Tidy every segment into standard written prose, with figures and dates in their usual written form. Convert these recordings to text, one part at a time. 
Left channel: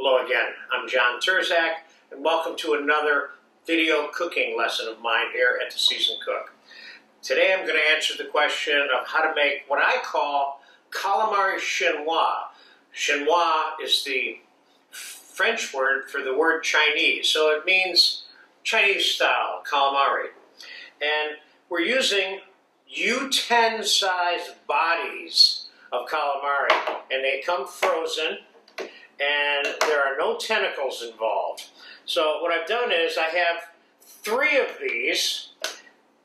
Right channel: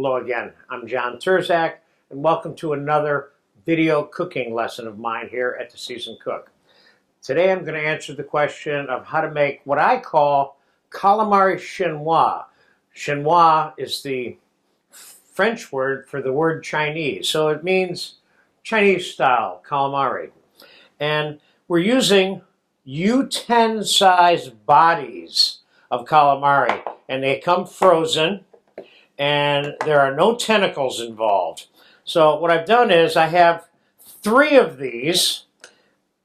Hello again, I'm John Terzak, and welcome to another video cooking lesson of mine here at The Seasoned Cook. Today I'm going to answer the question of how to make what I call Calamari Chinois. Chinois is the French word for the word Chinese, so it means Chinese style calamari. And we're using U10 size bodies of calamari, and they come frozen. And there are no tentacles involved. So what I've done is I have 3 of these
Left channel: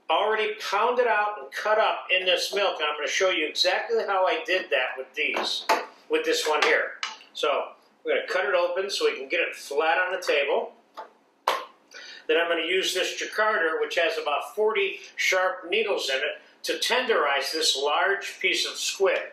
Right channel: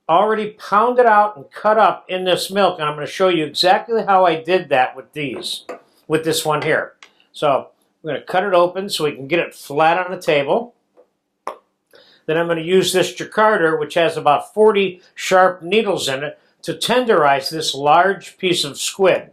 already pounded out and cut up in this milk, and I'm going to show you exactly how I did that with this one here. So I'm going to cut it open so we can get it flat on the table. Then I'm going to use this jacquarder, which has about 40 sharp needles in it, to tenderize this large piece of squid.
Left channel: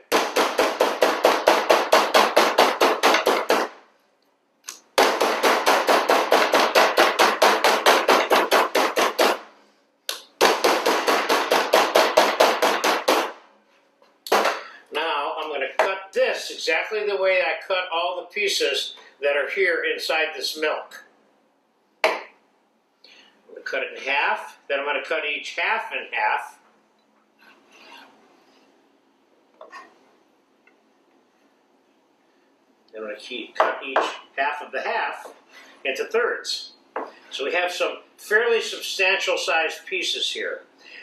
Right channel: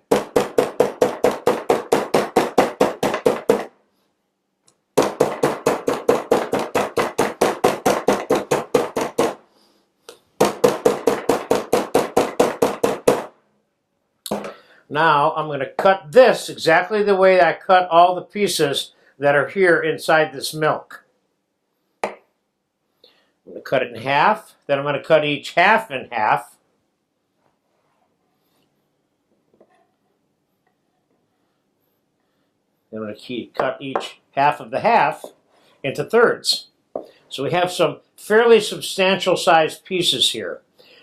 Now I'm going to cut this exactly the way I cut all the pieces that are here inside this milk. I'm going to cut it in half, then I'm going to cut each half in half. Then I'm going to cut each half of the half into thirds. So we have some fairly substantial sized pieces here.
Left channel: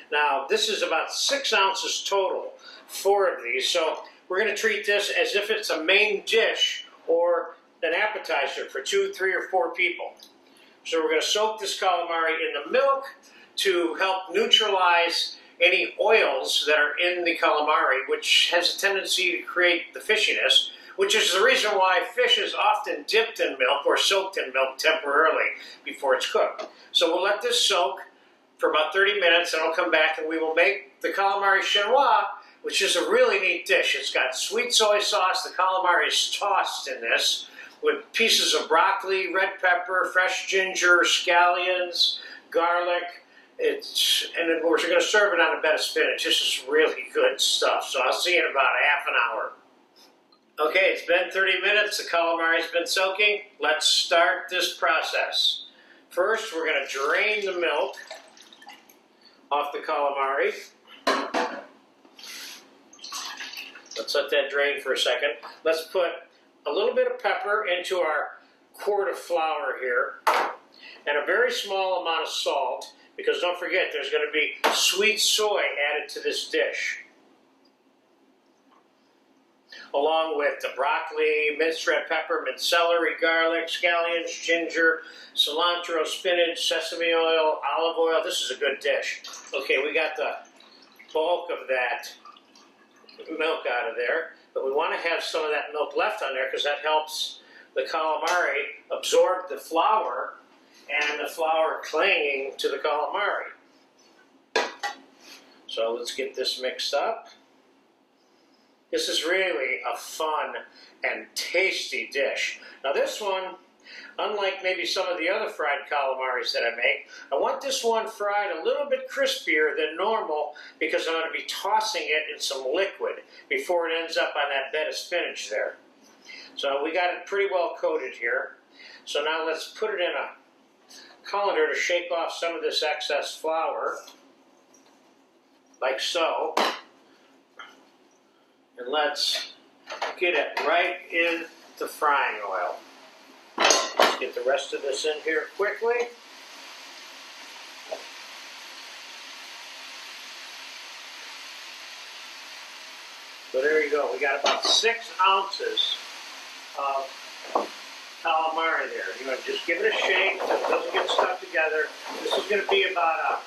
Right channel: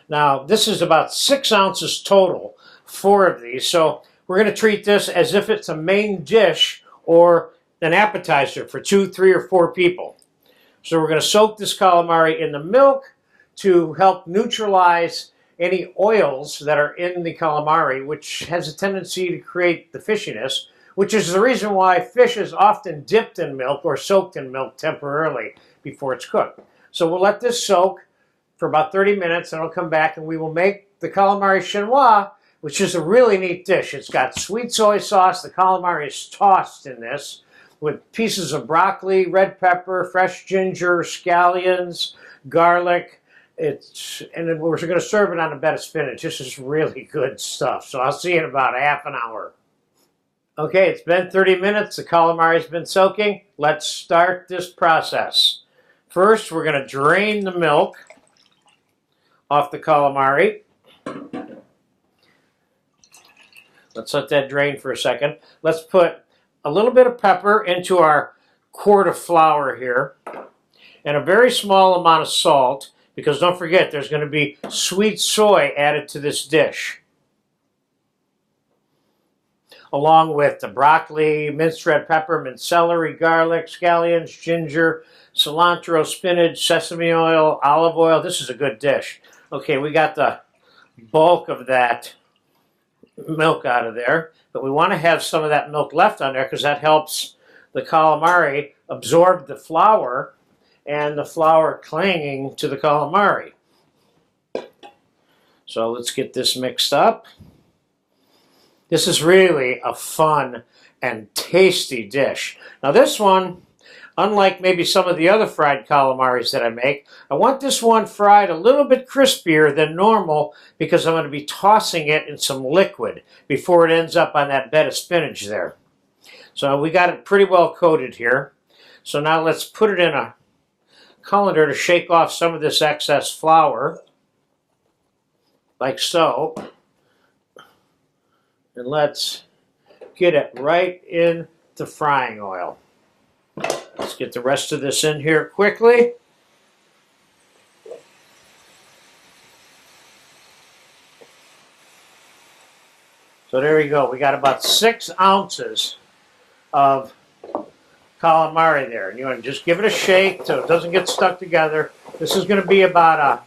Now this is about 6 ounces total. 4 of these, so we're going to treat this as if it's a main dish or an appetizer for 2, 3, or 4 people. So we're going to soak this calamari in the milk to help neutralize any oils that are in the calamari, which has a tendency to create the fishiness, which is the reason why fish is often dipped in milk or soaked in milk temporarily before it's cooked. So we'll let this soak for about 30 minutes, and I'll come back and we will make the calamari chinois, which is a really neat dish. It's got sweet soy sauce. The calamari is tossed in this with pieces of broccoli, red pepper, fresh ginger, scallions, garlic. And we're going to serve it on a bed of spinach. This is really good stuff. So I'll see you in about half an hour. Okay, it's been 30 minutes. The calamari's been soaking. Let's start this process. First, we're going to drain the milk off the calamari. Let's let that drain for a second. Let's put a little bit of pepper into our quart of flour here, and a very small amount of salt, because don't forget there's going to be sweet soy added to this dish, along with the broccoli, minced red pepper, minced celery, garlic, scallions, ginger, cilantro, spinach, sesame oil, olive oil. This is a good dish. Okay, we got the bulk of that milk out of there, but we want to have some of that milk left on there because that helps the calamari absorb the flour and the flour clinging to the calamari. So let's get this mixed up. This is really a fun and tasty dish. Now this one, unlike maybe some of the other fried calamaris that I make, I want this one fried a little bit crispier than normal because I'm going to be tossing it in some liquid before it ends up on that bed of spinach there. So we got it pretty well coated here. So now let's put it in a colander to shake off some of this excess flour, like so. And let's get it right in the frying oil. Let's get the rest of this in here quickly. So there we go. We got about 6 ounces of calamari there. You want to just give it a shake so it doesn't get stuck together. This is going to be about a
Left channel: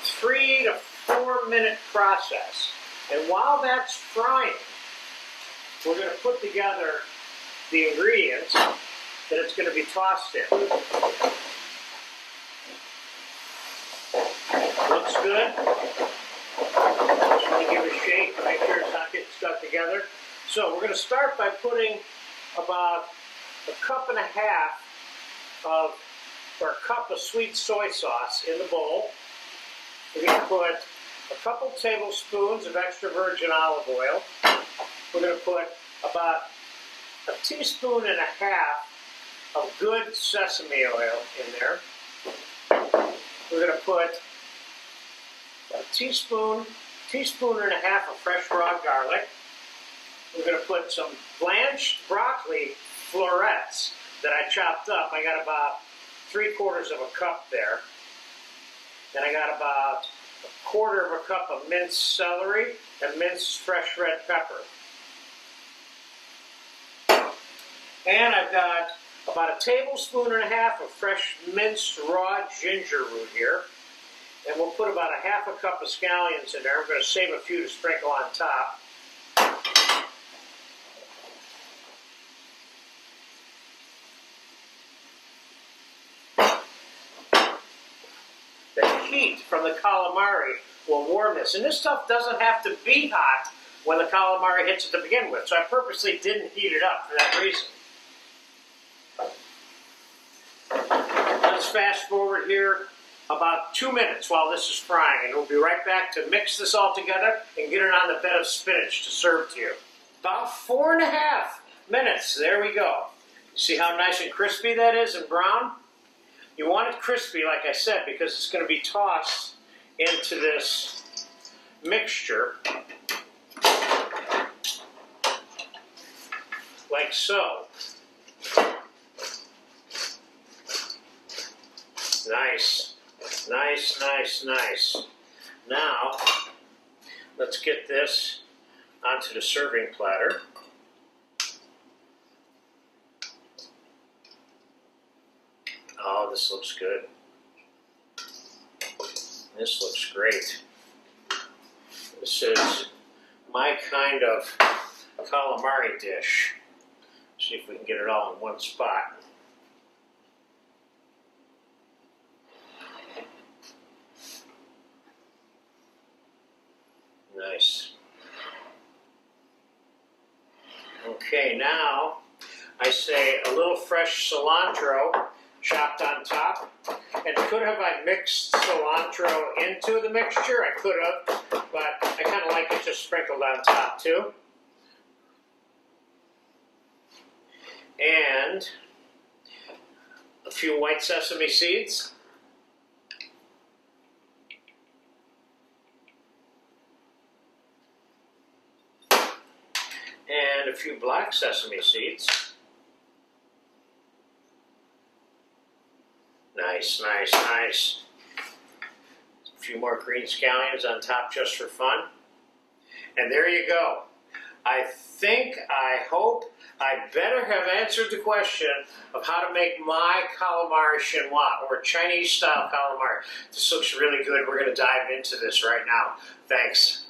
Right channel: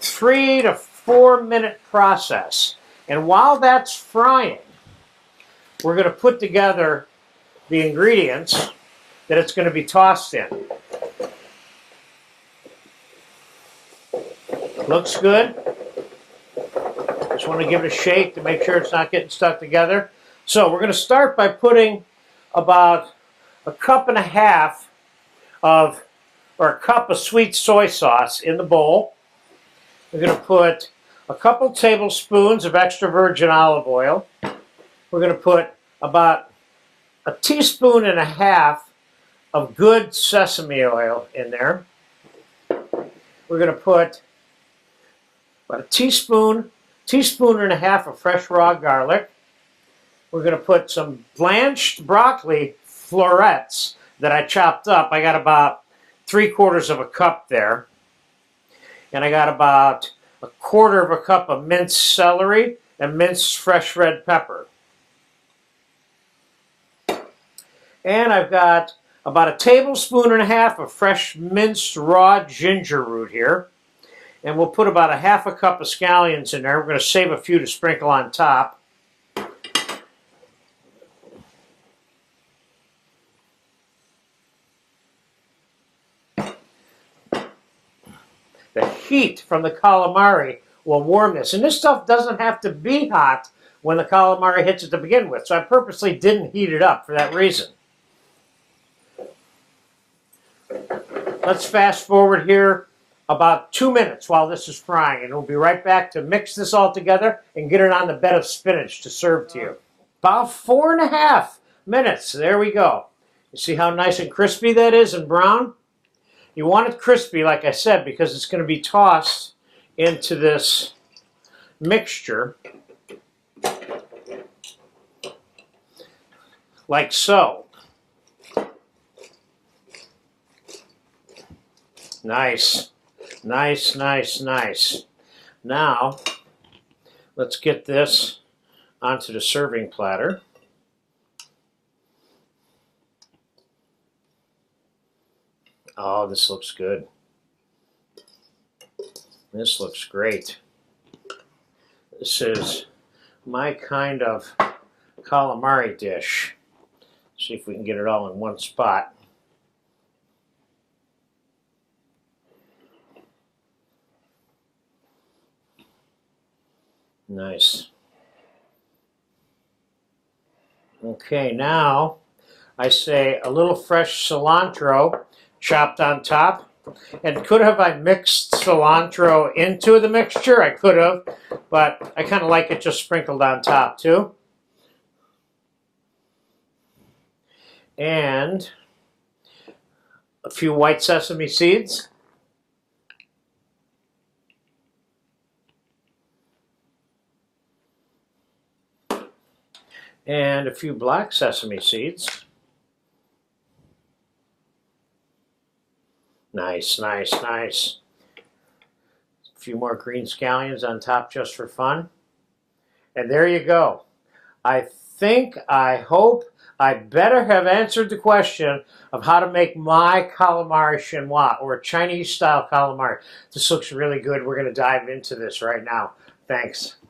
3 to 4 minute process. And while that's frying, we're going to put together the ingredients that it's going to be tossed in. Looks good. Just want to give it a shake to make sure it's not getting stuck together. So we're going to start by putting about a cup and a half of, or a cup of sweet soy sauce in the bowl. We're going to put a couple tablespoons of extra virgin olive oil. We're going to put about a teaspoon and a half of good sesame oil in there. We're going to put about a teaspoon and a half of fresh raw garlic. We're going to put some blanched broccoli florets that I chopped up. I got about 3/4 of a cup there. And I got about 1/4 of a cup of minced celery and minced fresh red pepper. And I've got about 1.5 tablespoons of fresh minced raw ginger root here. And we'll put about 1/2 cup of scallions in there. We're going to save a few to sprinkle on top. The heat from the calamari will warm this. And this stuff doesn't have to be hot when the calamari hits it to begin with. So I purposely didn't heat it up for that reason. Let's fast forward here about 2 minutes while this is frying. And we'll be right back to mix this all together and get it on the bed of spinach to serve to you. About 4.5 minutes. There we go. You see how nice and crispy that is and brown? You want it crispy, like I said, because it's going to be tossed into this mixture like so. Nice, nice, nice, nice. Now, let's get this onto the serving platter. Oh, this looks good. This looks great. This is my kind of calamari dish. See if we can get it all in one spot. Nice. Okay, now I say a little fresh cilantro chopped on top. And could have I mixed cilantro into the mixture? I could have, but I kind of like it just sprinkled on top too. And a few white sesame seeds. And a few black sesame seeds. Nice, nice, nice. A few more green scallions on top just for fun. And there you go. I hope, I better have answered the question of how to make my Calamari Chinois, or Chinese-style calamari. This looks really good. We're going to dive into this right now. Thanks.